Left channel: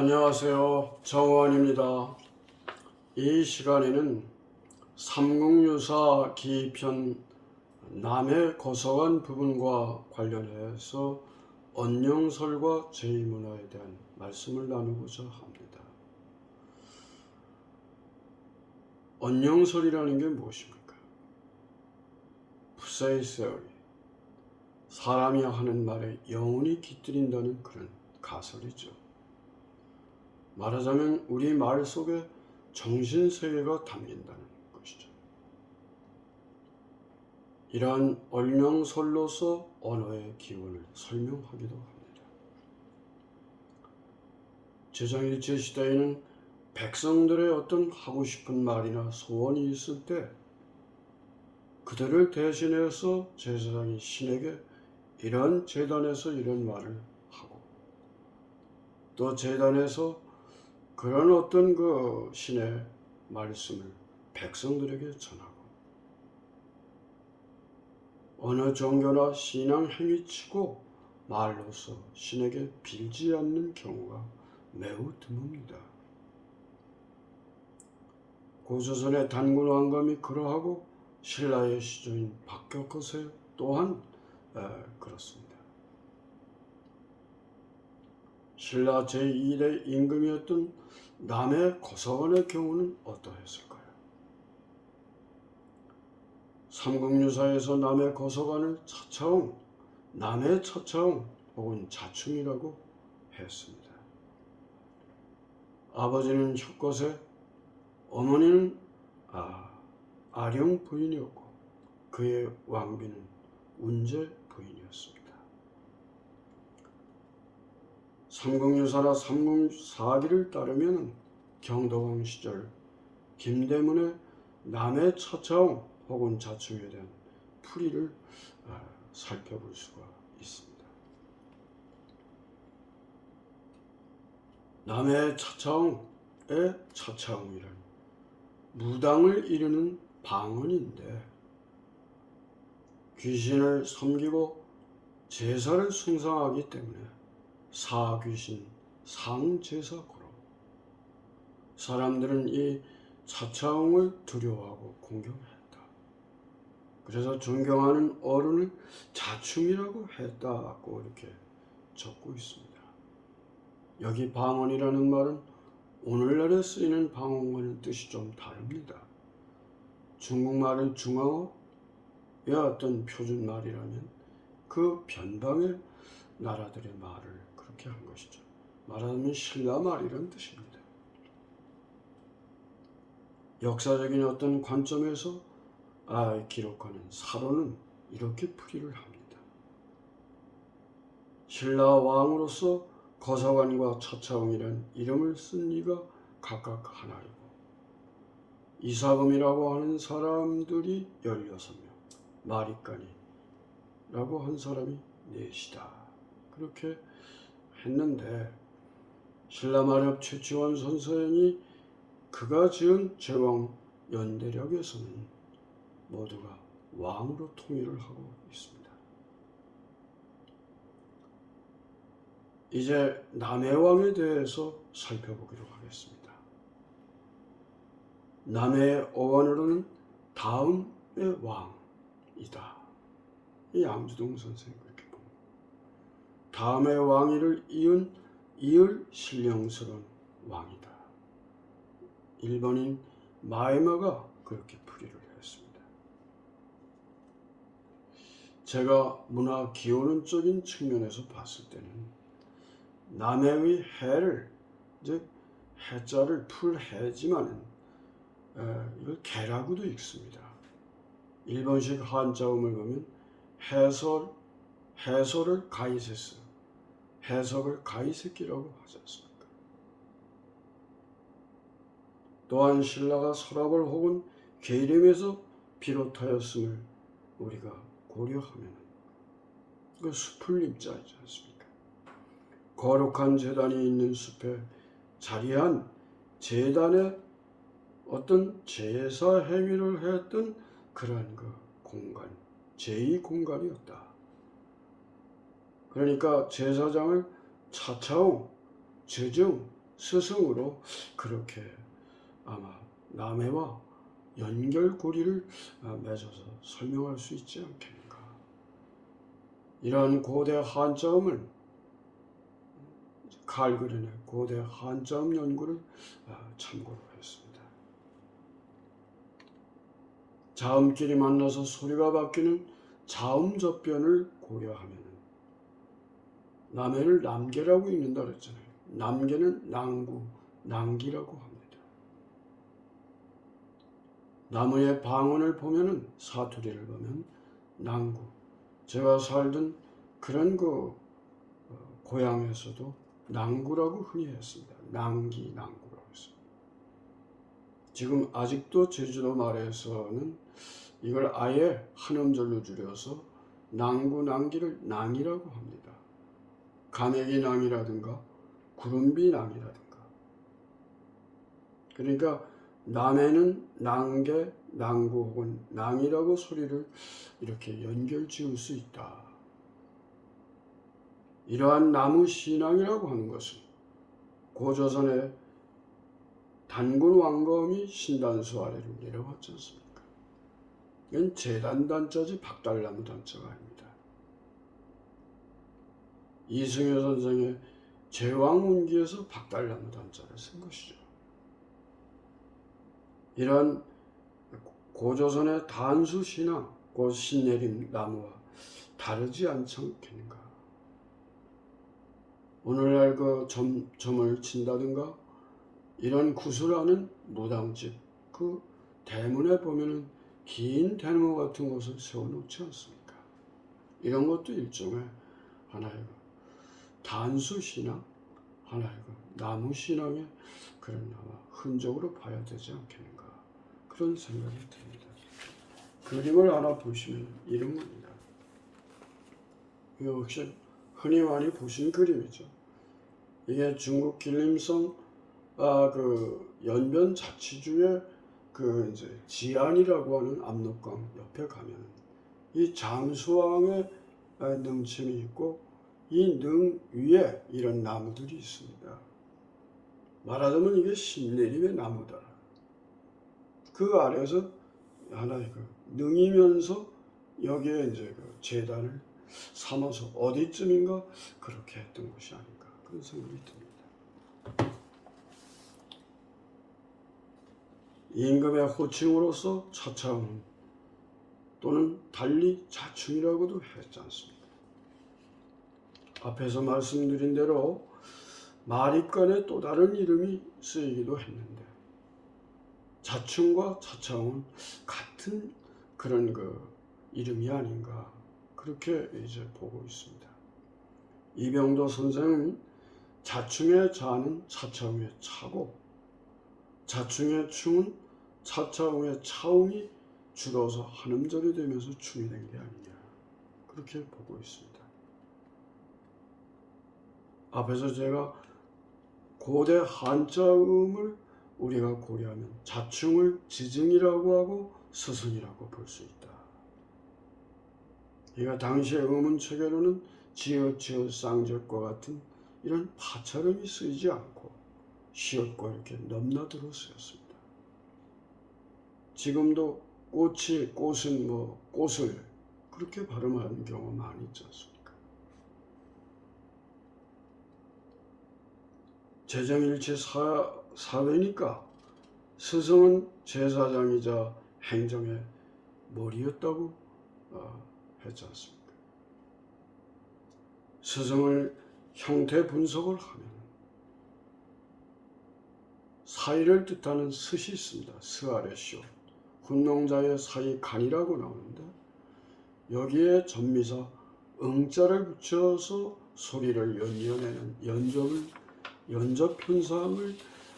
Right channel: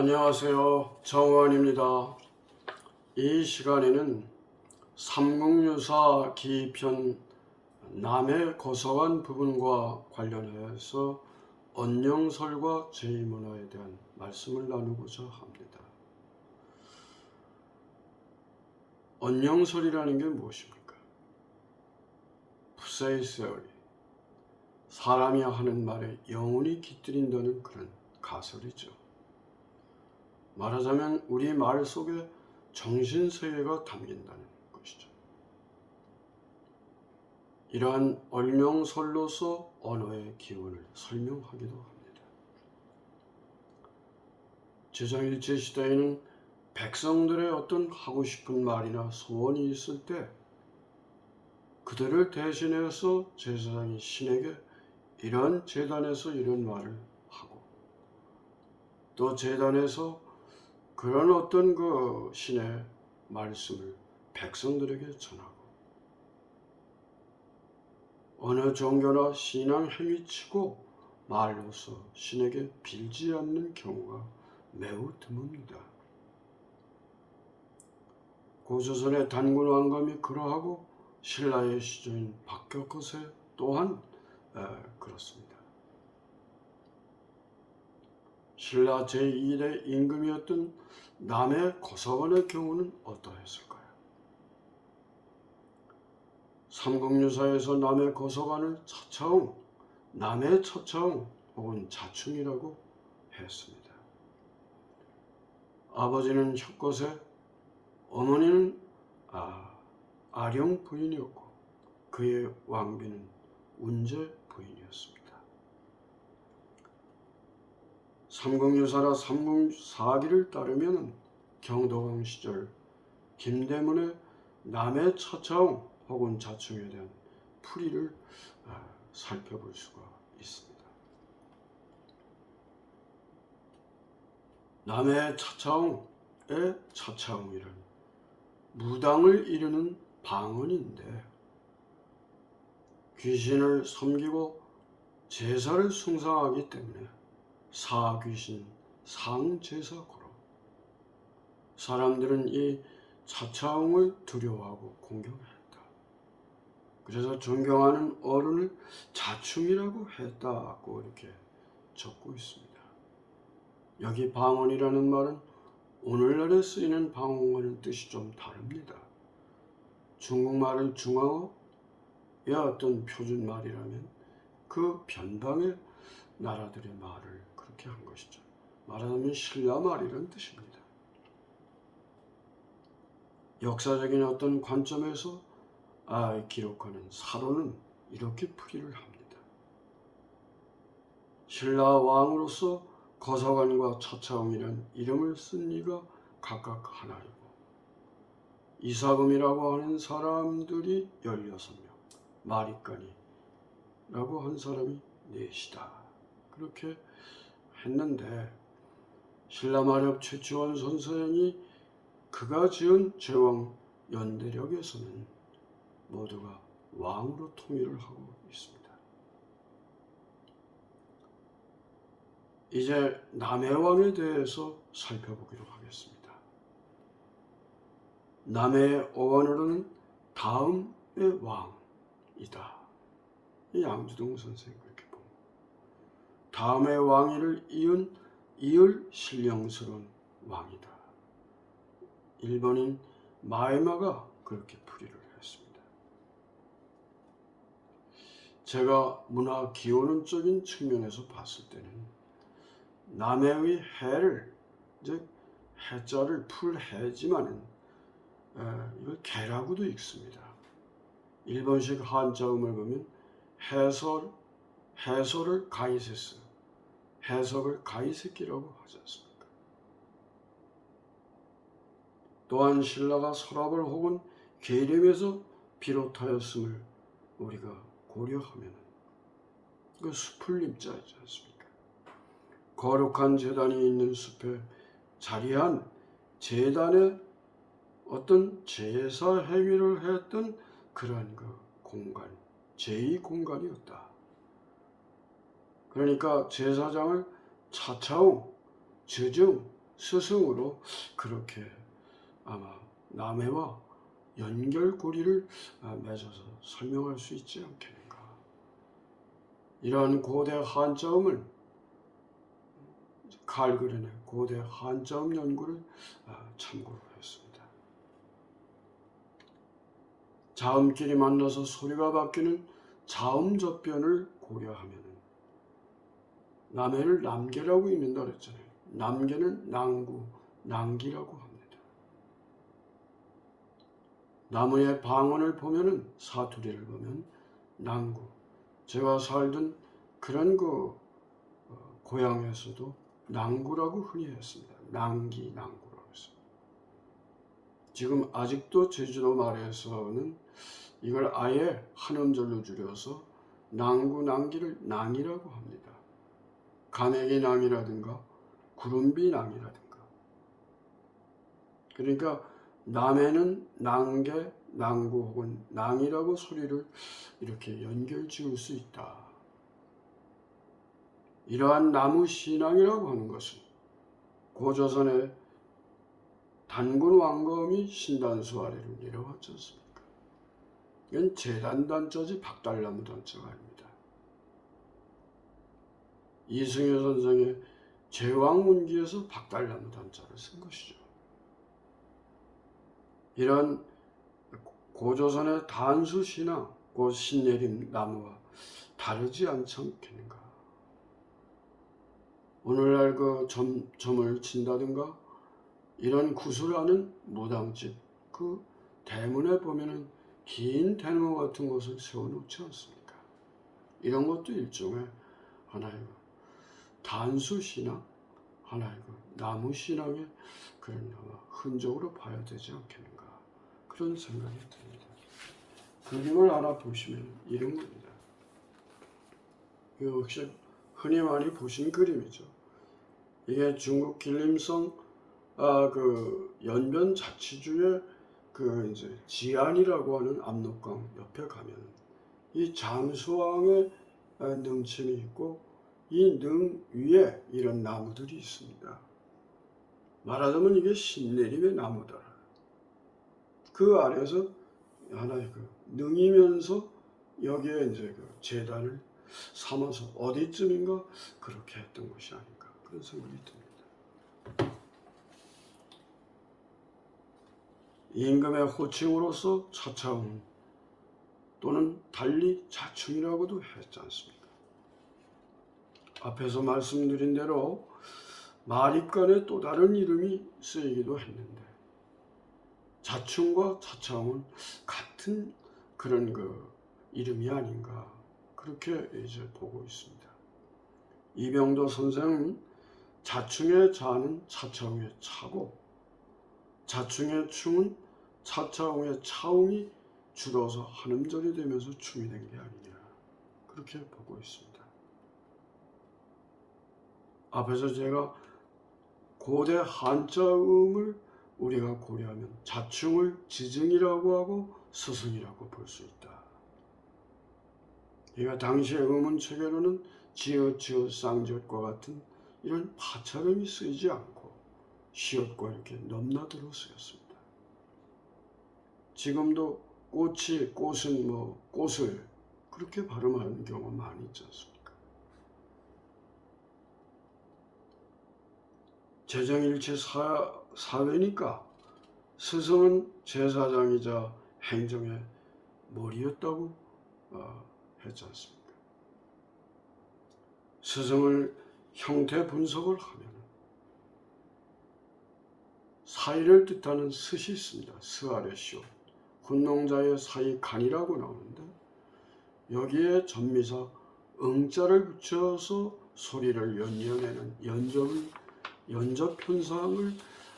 안녕하세요. 정원입니다. 이 시간에는 삼국유사 기편 남해 거서관 부분과 관련해서 언영설과 제2문화에 대한 말씀을 나누고자 합니다. 언영설이라는 게 무엇입니까? 푸세이세어리, 사람이 하는 말에 영혼이 깃들인다는 그런 가설이죠. 말하자면 우리 말 속에 정신세계가 담긴다는 것이죠. 이러한 언영설로서 언어의 기원을 설명하기도 합니다. 제장일제 시대에는 백성들의 어떤 하고 싶은 말이나 소원이 있을 때 그들을 대신해서 제사장이 신에게 이런 제단에서 이런 말을 하고 또 제단에서 그런 어떤 그 신의 말씀을 백성들에게 전하고 어느 종교나 신앙 행위치고 말로서 신에게 빌지 않는 경우가 매우 드뭅니다. 고조선의 단군 왕감이 그러하고 신라의 시조인 박격허세 또한 그렇습니다. 신라 제2대 임금이었던 남해 거서관의 경우는 어떠했을까요? 삼국유사에서 남해 거서관을 차차웅, 남해 차차웅 혹은 자충이라고 했습니다. 아버지는 혁거세, 어머니는 아령 부인이었고 그의 왕비는 운제 부인이었습니다. 삼국유사라 삼국사기를 따르면 경도강 시절 김대문의 남해 차차웅 혹은 자충에 대한 풀이를 살펴볼 수가 있습니다. 남해 차차웅의 차차웅이란 무당을 이르는 방언인데 귀신을 섬기고 제사를 숭상하기 때문에 사귀신 상제사고로 사람들은 이 차차웅을 두려워하고 공경했다. 그래서 존경하는 어른을 자충이라고 했다고 이렇게 적고 있습니다. 여기 방언이라는 말은 오늘날에 쓰이는 방언과는 뜻이 좀 다릅니다. 중국말을 중앙어의 어떤 표준말이라면 그 변방의 나라들의 말을 그렇게 한 것이죠. 말하자면 신라말이라는 뜻입니다. 역사적인 어떤 관점에서 기록하는 사로는 이렇게 풀이를 합니다. 신라 왕으로서 거서관과 차차웅이란 이름을 쓴 이가 각각 하나이고 이사금이라고 하는 사람들이 16명, 마리간이라고 한 사람이 넷이다. 그렇게 했는데 신라마렵 최치원 선생이 그가 지은 제왕 연대력에서는 모두가 왕으로 통일을 하고 있습니다. 이제 남해왕에 대해서 살펴보기로 하겠습니다. 남해의 어원으로는 다음의 왕이다. 이 양주동 선생이 그렇게 봅니다. 다음의 왕위를 이을 신령스러운 왕이다. 일본인 마에마가 그렇게 풀이를 했습니다. 제가 문화 기원론적인 측면에서 봤을 때는 남해의 해를 즉 해자를 풀해지만은 이걸 개라고도 읽습니다. 일본식 한자음을 보면 해설을 가이세스, 해석을 가이세키라고 하지 않습니까? 또한 신라가 서랍을 혹은 계림에서 비롯하였음을 우리가 고려하면 그 수풀림자이지 않습니까? 거룩한 제단이 있는 숲에 자리한 제단의 어떤 제사 행위를 했던 그러한 그 공간, 제2공간이었다. 그러니까 제사장을 차차웅, 저중, 스승으로 그렇게 아마 남해와 연결고리를 맺어서 설명할 수 있지 않겠는가. 이러한 고대 한자음을 칼그린의 고대 한자음 연구를 참고로 했습니다. 자음끼리 만나서 소리가 바뀌는 자음접변을 고려하면 남해를 남계라고 읽는다 그랬잖아요. 남계는 낭구, 낭기라고 합니다. 나무의 방언을 보면은 사투리를 보면 낭구. 제가 살던 그런 고향에서도 낭구라고 흔히 했습니다. 낭기, 낭구라고 했습니다. 지금 아직도 제주도 말에서는 이걸 아예 한 음절로 줄여서 낭구, 낭기를 낭이라고 합니다. 가내기 낭이라든가 구름비 낭이라든가. 그러니까 남해는 낭계, 낭구 혹은 낭이라고 소리를 이렇게 연결 지을 수 있다. 이러한 나무 신앙이라고 하는 것은 고조선의 단군 왕검이 신단수 아래를 내려왔지 않습니까? 이건 재단단자지 박달나무 단자가 아닙니다. 이승효 선생의 제왕문기에서 박달나무 단자를 쓴 것이죠. 이런 고조선의 단수신앙, 그 신내림 나무와 다르지 않지 않겠는가. 오늘날 그 점을 친다든가 이런 구슬하는 무당집 그 대문에 보면은 긴 대나무 같은 것을 세워놓지 않습니까? 이런 것도 일종의 하나의 단수신앙, 하나의 나무신앙의 그런 아마 흔적으로 봐야 되지 않겠는가, 그런 생각이 듭니다. 그림을 하나 보시면 이런 겁니다. 이거 혹시 흔히 많이 보신 그림이죠. 이게 중국 길림성 그 연변 자치주의 그 이제 지안이라고 하는 압록강 옆에 가면 이 장수왕의 능침이 있고 이 능 위에 이런 나무들이 있습니다. 말하자면 이게 신내림의 나무다. 그 아래에서 하나의 능이면서 여기에 이제 재단을 삼아서 어디쯤인가 그렇게 했던 것이 아닌가, 그런 생각이 듭니다. 임금의 호칭으로서 차차운 또는 달리 자충이라고도 했지 않습니까? 앞에서 말씀드린 대로 마립간에 또 다른 이름이 쓰이기도 했는데 자충과 차차운 같은 그런 이름이 아닌가, 그렇게 이제 보고 있습니다. 이병도 선생은 자충의 자는 차차웅의 차고 자충의 충은 차차웅의 차웅이 줄어서 한음절이 되면서 충이 된 게 아니냐, 그렇게 보고 있습니다. 앞에서 제가 고대 한자음을 우리가 고려하면 자충을 지증이라고 하고 스승이라고 볼 수 있다. 그러니까 당시의 음운체계로는 지읒, 지읒, 쌍지읒과 같은 이런 파찰음이 쓰이지 않고 시옷과 이렇게 넘나들어 쓰였습니다. 지금도 꽃이, 꽃은 꽃을 그렇게 발음하는 경우가 많이 있지 않습니까? 재정일치 사회니까 스승은 제사장이자 행정의 머리였다고 했지 않습니까? 스승을 형태 분석을 하면 사이를 뜻하는 스시 있습니다. 스 아래 시옷, 훈농자의 사이 간이라고 나오는데 여기에 전미사 응자를 붙여서 소리를 연연해내는 연접현상을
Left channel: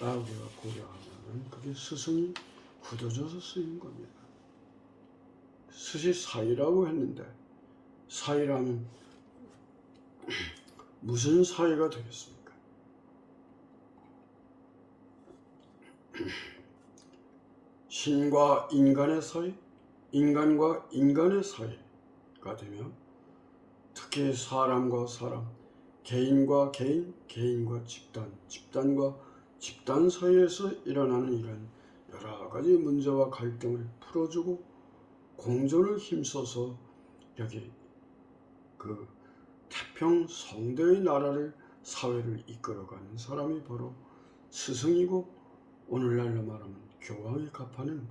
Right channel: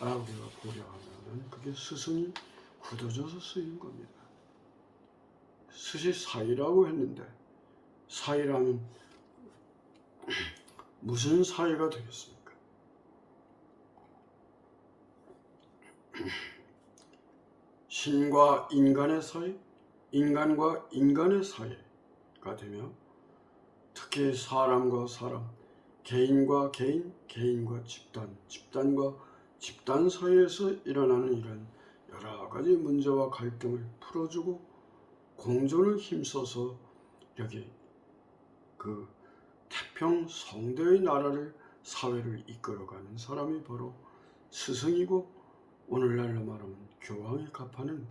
우리가 고려하면 그게 스승이 굳어져서 쓰인 겁니다. 스시 사이라고 했는데 사이라면 무슨 사이가 되겠습니까? 신과 인간의 사이, 인간과 인간의 사이가 되며 특히 사람과 사람, 개인과 개인, 개인과 집단, 집단과 집단 사이에서 일어나는 이런 여러 가지 문제와 갈등을 풀어주고 공존을 힘써서 여기 그 태평 성대의 나라를 사회를 이끌어가는 사람이 바로 스승이고 오늘날로 말하면 교황이 갑하는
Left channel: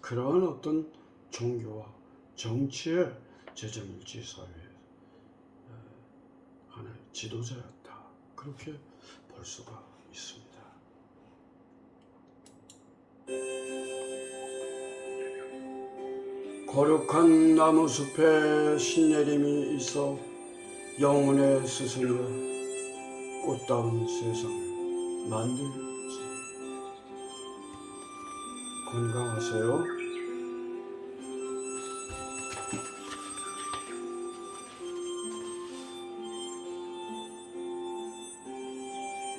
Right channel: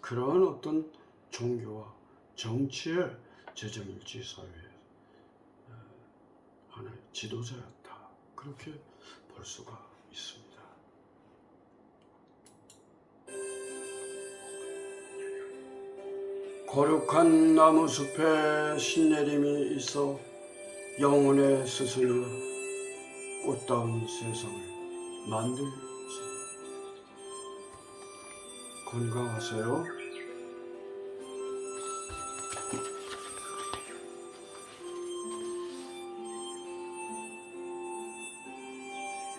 그러한 어떤 종교와 정치의 재정일치 사회의 하나의 지도자였다. 그렇게 볼 수가 있습니다. 거룩한 나무숲에 신내림이 있어 영혼의 스승이여 꽃다운 세상을 만들지. 건강하세요.